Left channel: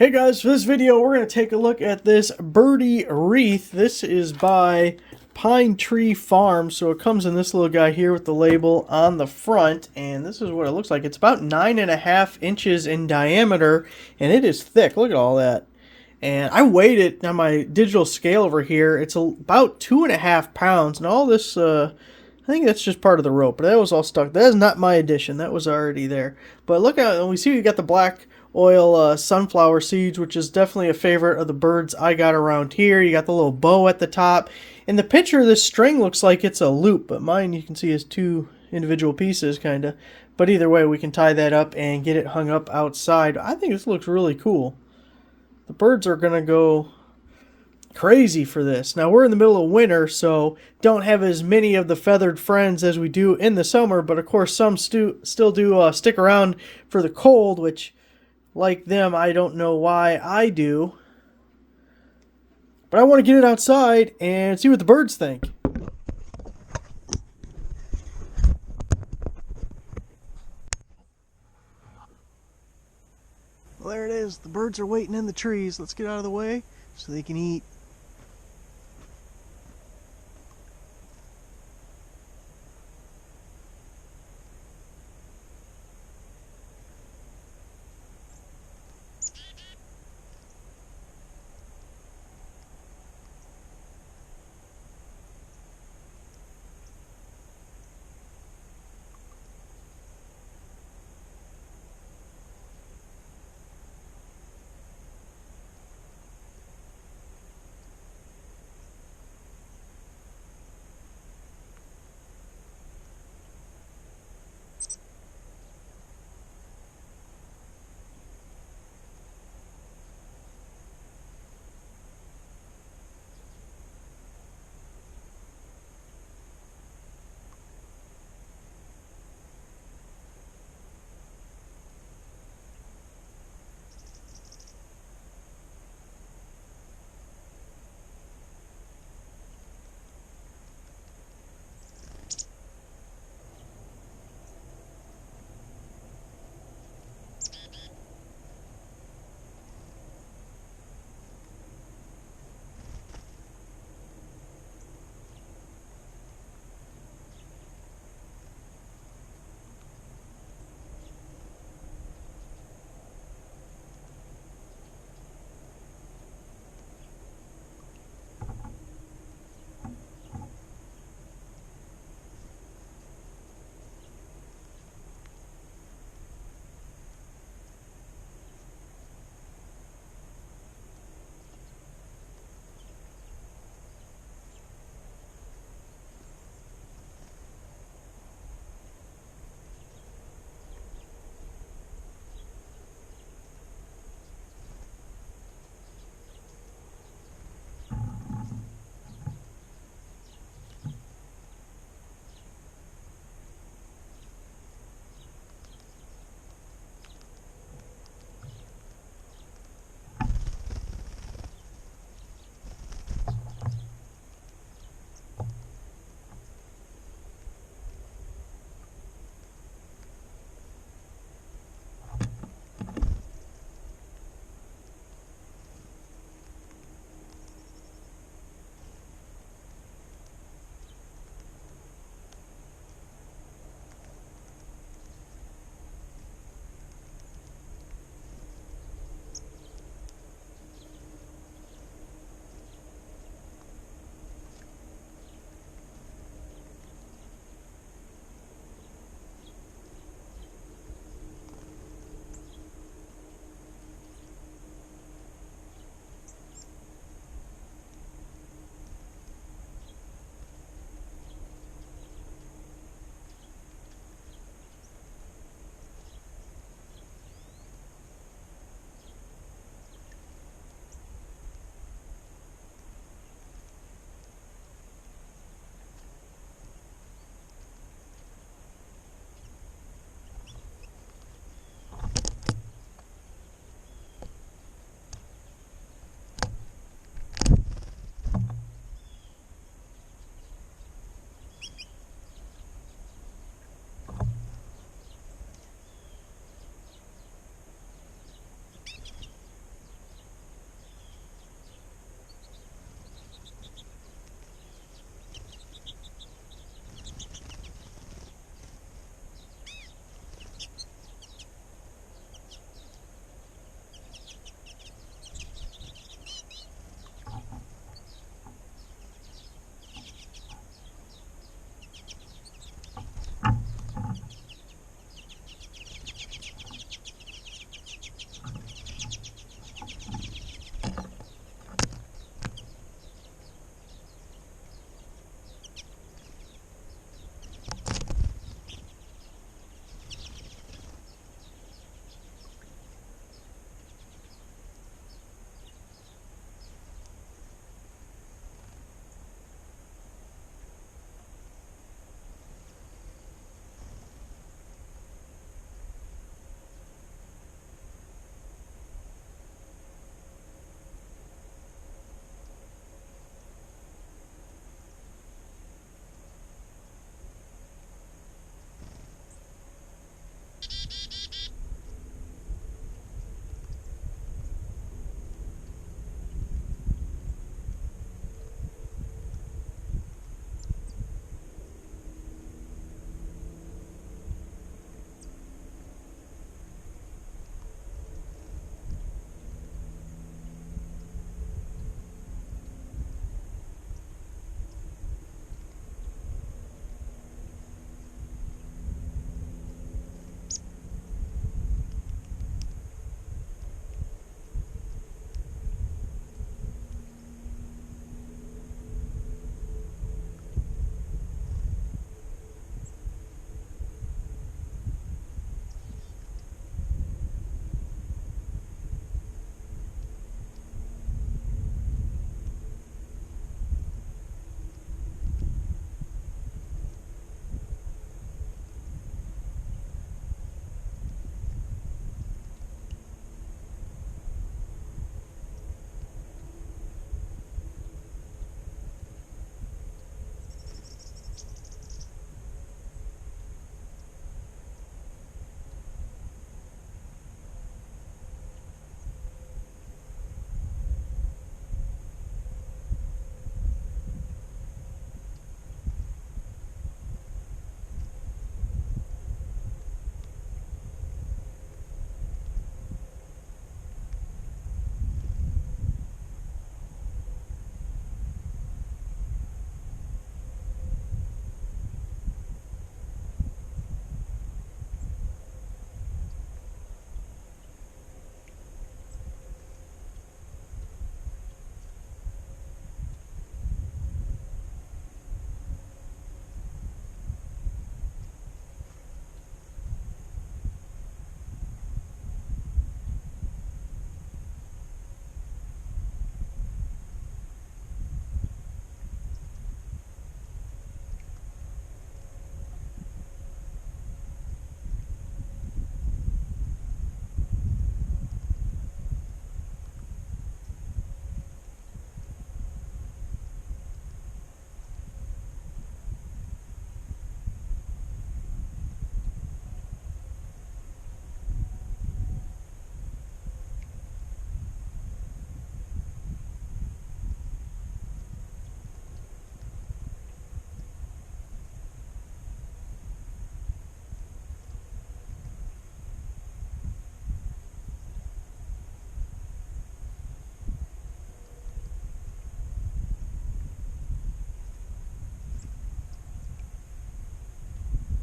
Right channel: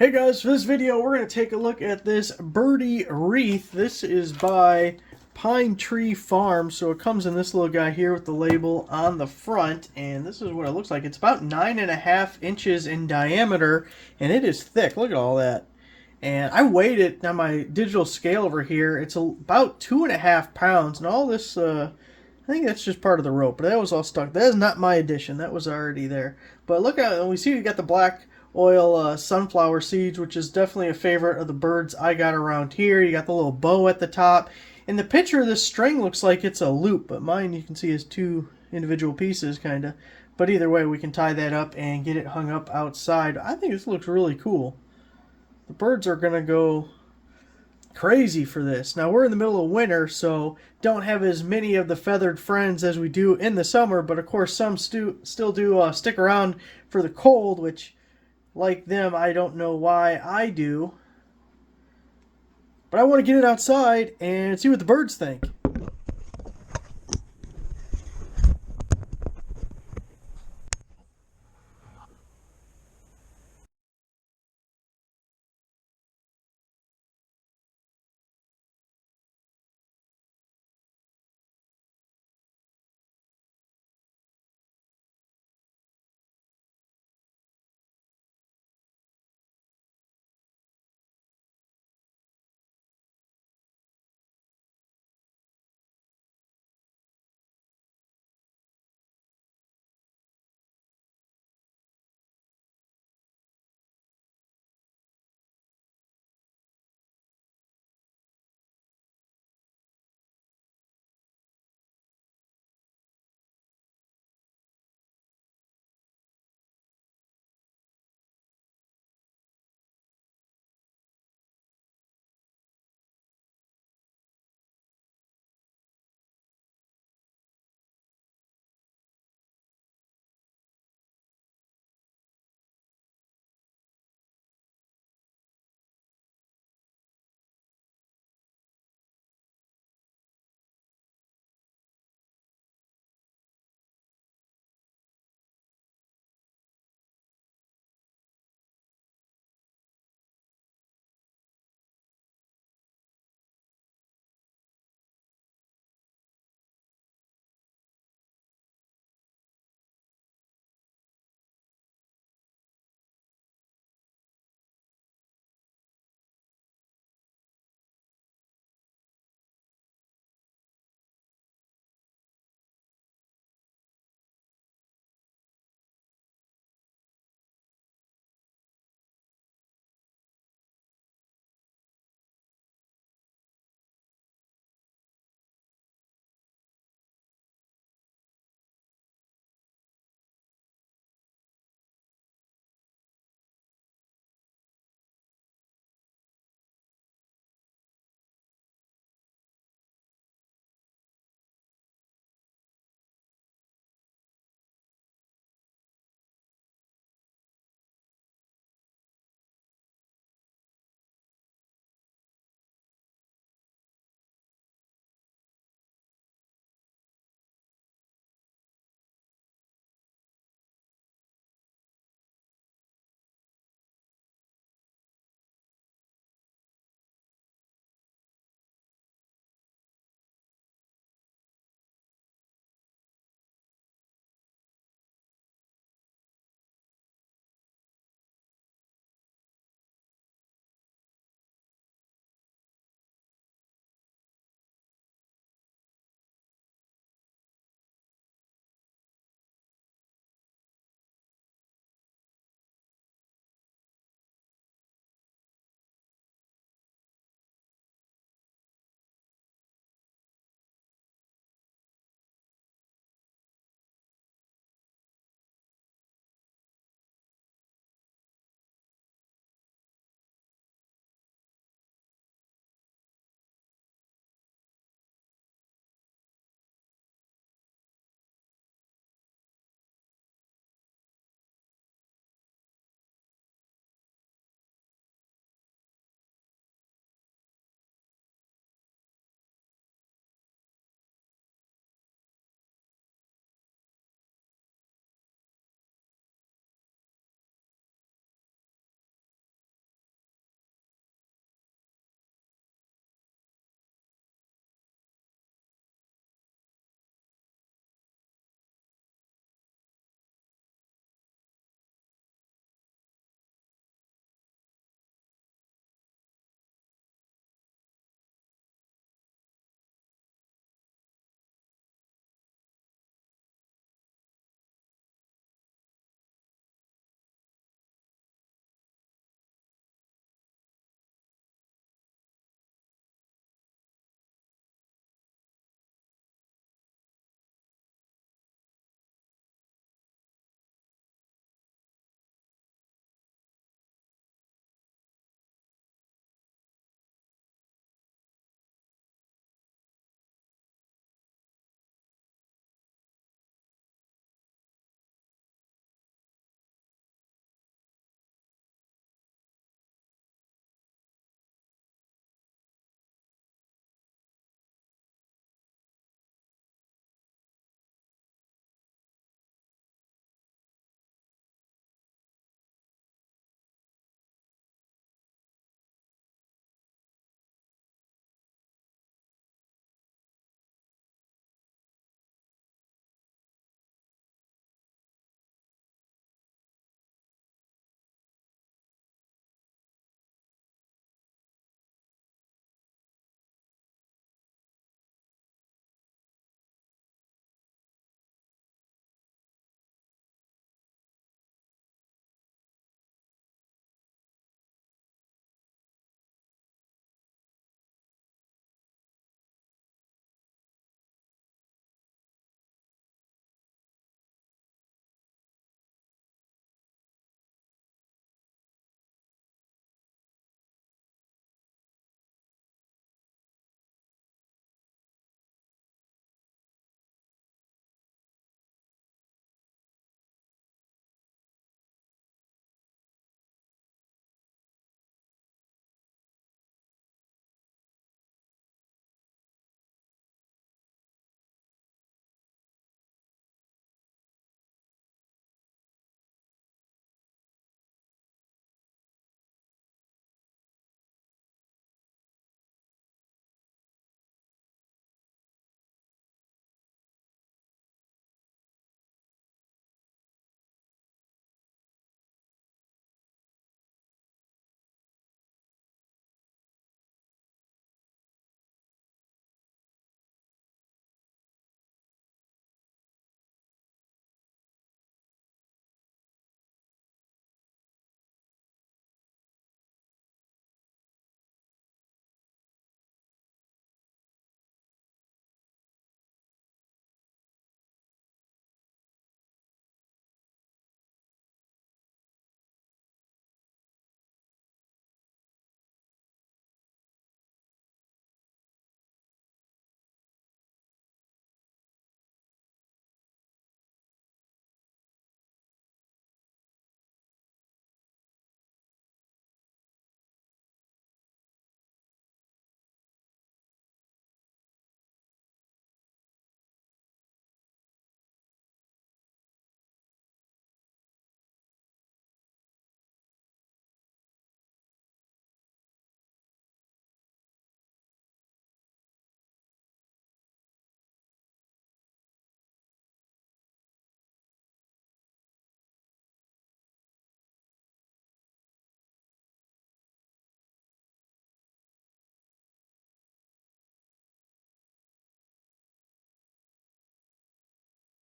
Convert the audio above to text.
Hey guys, for this video we're going to take a look at this birdie wreath. This is by Pine Tree Farm, so it comes in this little guy here with the label on the front, and this is what it looks like. It's about 9.5 inches in diameter, and it is thick. Look at all that. And I weighed it on my digital scale over here. It's about 2.5 pounds, and all this, I think that's just part of the rope, but that was all stuck. That is not my addition. That was already there. But look at, and we see we got the black oil sunflower seeds, which is definitely a favorite of the birds I got around here. You got the little bow at the top. In the picture, this string looks like it's a loop, but mine you can see is two individual pieces, kind of. But either way, we can tie that up and get it hung up outside. I think this looks really cool. The birds are going to go crazy for this. Now, we're in the middle of winter, so don't have as many of the feathered friends as we do in the summer, but of course some still do stick around for the cold, which, like them, I don't know why I do. But I want to get it outside and see what the birds think. Well, there it is. The birds are waiting in the trees. Let's get out of the way so they can eat.